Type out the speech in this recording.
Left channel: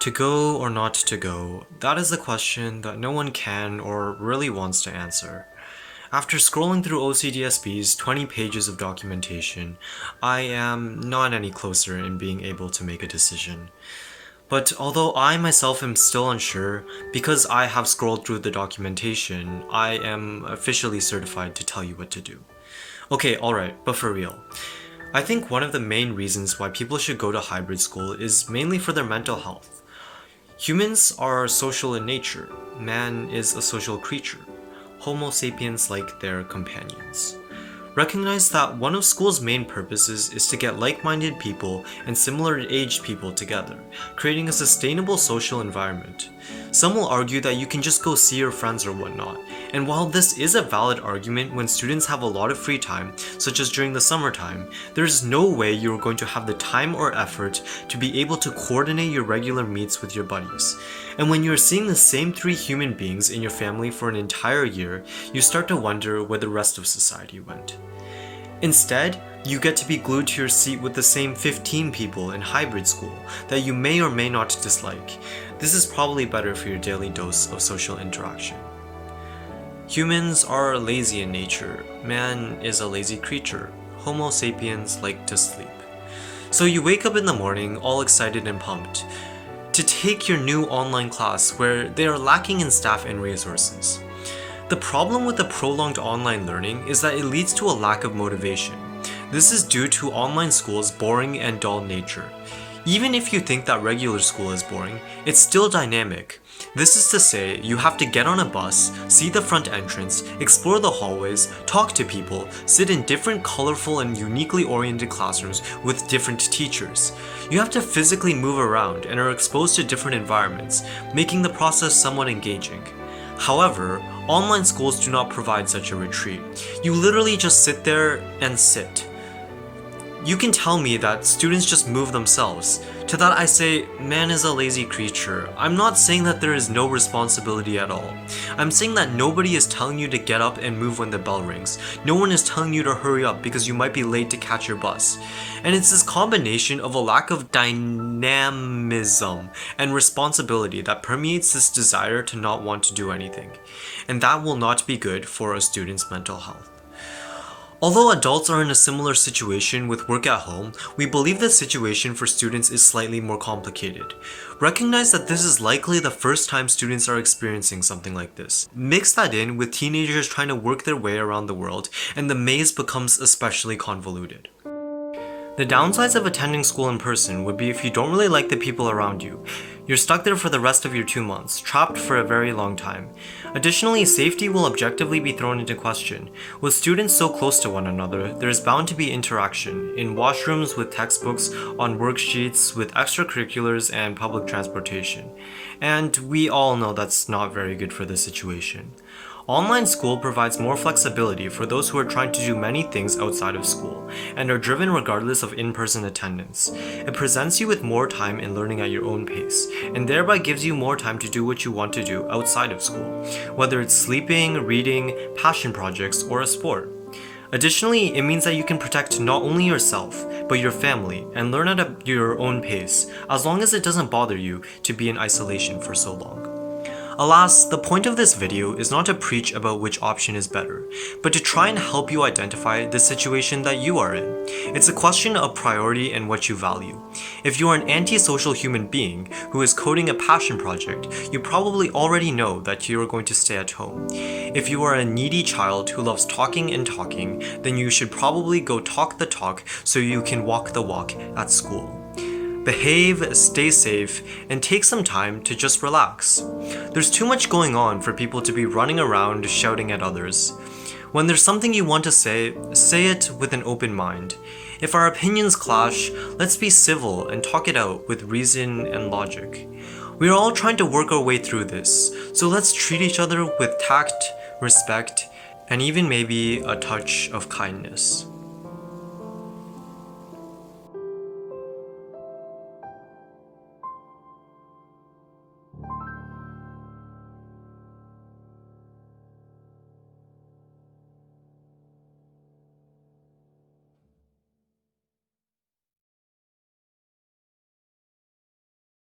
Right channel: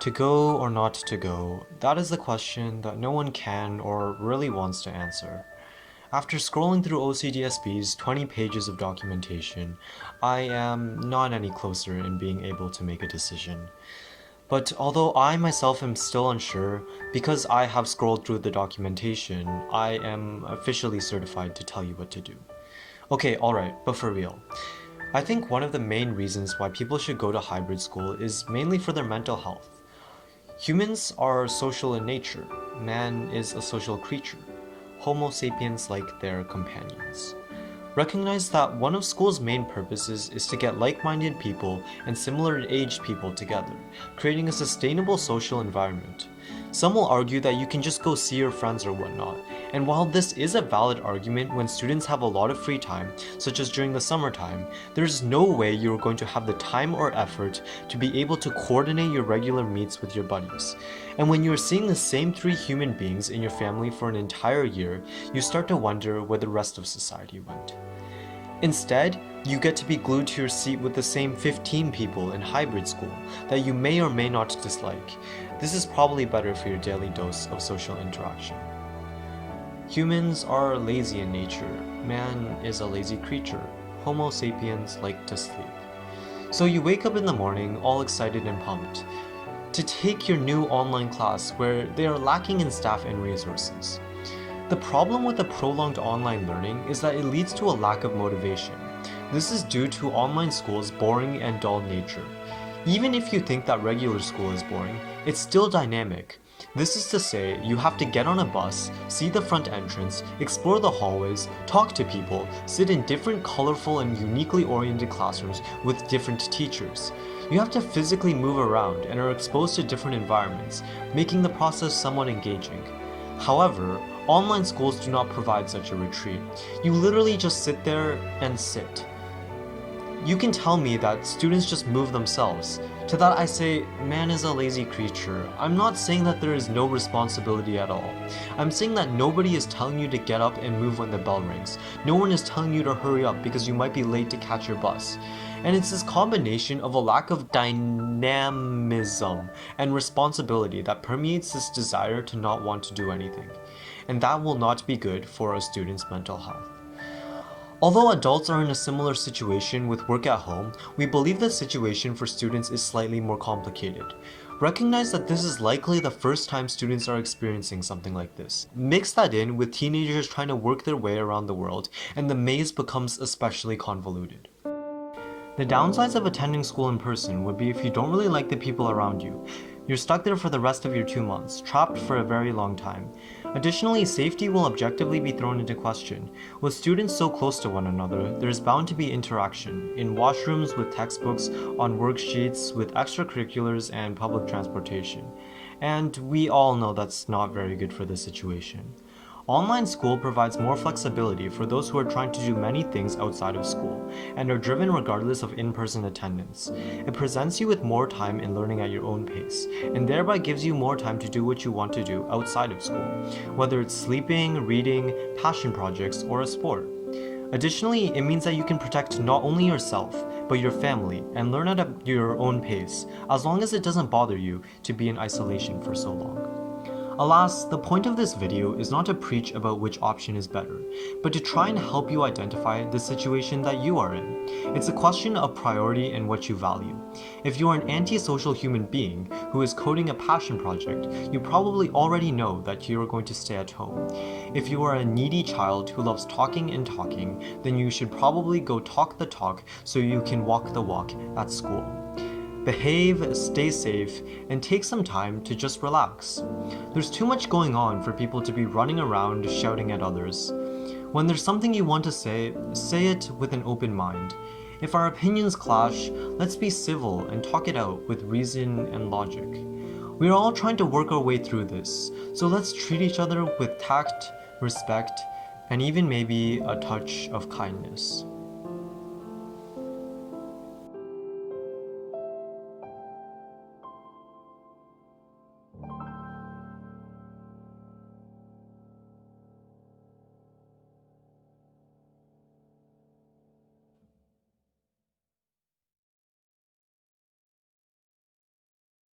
To go or not to go, that is the question that no one can or really wants to answer. After scrolling through OCDSB's 20 pages of documentation, I am not any closer in being able to make a decision. But although I myself am still unsure, because I have scrolled through the documentation, I am officially certified to tell you what to do. Okay, alright, but for real. I think one of the main reasons why people should go to hybrid school is mainly for their mental health. Humans are social in nature. Man is a social creature. Homo sapiens like their companions. Recognize that one of school's main purposes is to get like-minded people and similar-aged people together, creating a sustainable social environment. Some will argue that you can just go see your friends or whatnot, and while this is a valid argument when students have a lot of free time, such as during the summertime, there is no way you are going to have the time or effort to be able to coordinate your regular meets with your buddies. And when you are seeing the same 3 human beings in your family for an entire year, you start to wonder where the rest of society went. Instead, you get to be glued to your seat with the same 15 people in hybrid school that you may or may not dislike. This is probably better for your daily dose of social interaction. Humans are lazy in nature. Man is a lazy creature. Homo sapiens like to sleep. So you wake up in the morning all excited and pumped to take your new online class where they are lacking in staff and resources. The problem with the prolonged online learning is that it leads to a lack of motivation. This is due to online school's boring and dull nature. Even if you think that regular school is boring, it's still dynamic. This is to say, you have to get on a bus, see the front entrance, explore the hallways, talk to people, sit in different colorful and uniquely oriented classrooms with different teachers. You have to physically move around and are exposed to different environments, making the process somewhat engaging. However, online schools do not provide such a retreat. You literally just sit there and sit. You can tell me that students just move themselves. To that I say, man is a lazy creature. I'm not saying that there is no responsibility at all. I'm saying that nobody is telling you to get up and move when the bell rings. No one is telling you to hurry up because you might be late to catch your bus. And it's this combination of a lack of dynamism and responsibility that permeates this desire to not want to do anything. And that will not be good for a student's mental health. Although adults are in a similar situation with work at home, we believe the situation for students is slightly more complicated. Recognize that this is likely the first time students are experiencing something like this. Mix that in with teenagers trying to work their way around the world, and the maze becomes especially convoluted. The downsides of attending school in person would be if you don't really like the people around you. You're stuck there for the rest of your 2 months, trapped for a very long time. Additionally, safety will objectively be thrown into question. With students so close to one another, there is bound to be interaction, in washrooms with textbooks, on worksheets, with extracurriculars and public transportation. And we all know that's not very good for the situation. Online school provides more flexibility for those who are trying to do many things outside of school, and are driven regardless of in-person attendance. It presents you with more time in learning at your own pace, and thereby gives you more time to do what you want to do outside of school, whether it's sleeping, reading, passion projects, or a sport. Additionally, it means that you can protect not only yourself, but your family, and learn at your own pace, as long as it doesn't bother you to be in isolation for so long. Alas, the point of this video is not to preach about which option is better, but to try and help you identify the situation that you are in. It's a question of priority and what you value. If you are an antisocial human being who is coding a passion project, you probably already know that you are going to stay at home. If you are a needy child who loves talking and talking, then you should probably go talk the talk so you can walk the walk at school. Behave, stay safe, and take some time to just relax. There's too much going on for people to be running around shouting at others. When there's something you want to say it with an open mind. If our opinions clash, let's be civil and talk it out with reason and logic. We are all trying to work our way through this, so let's treat each other with tact, respect, and even maybe a touch of kindness.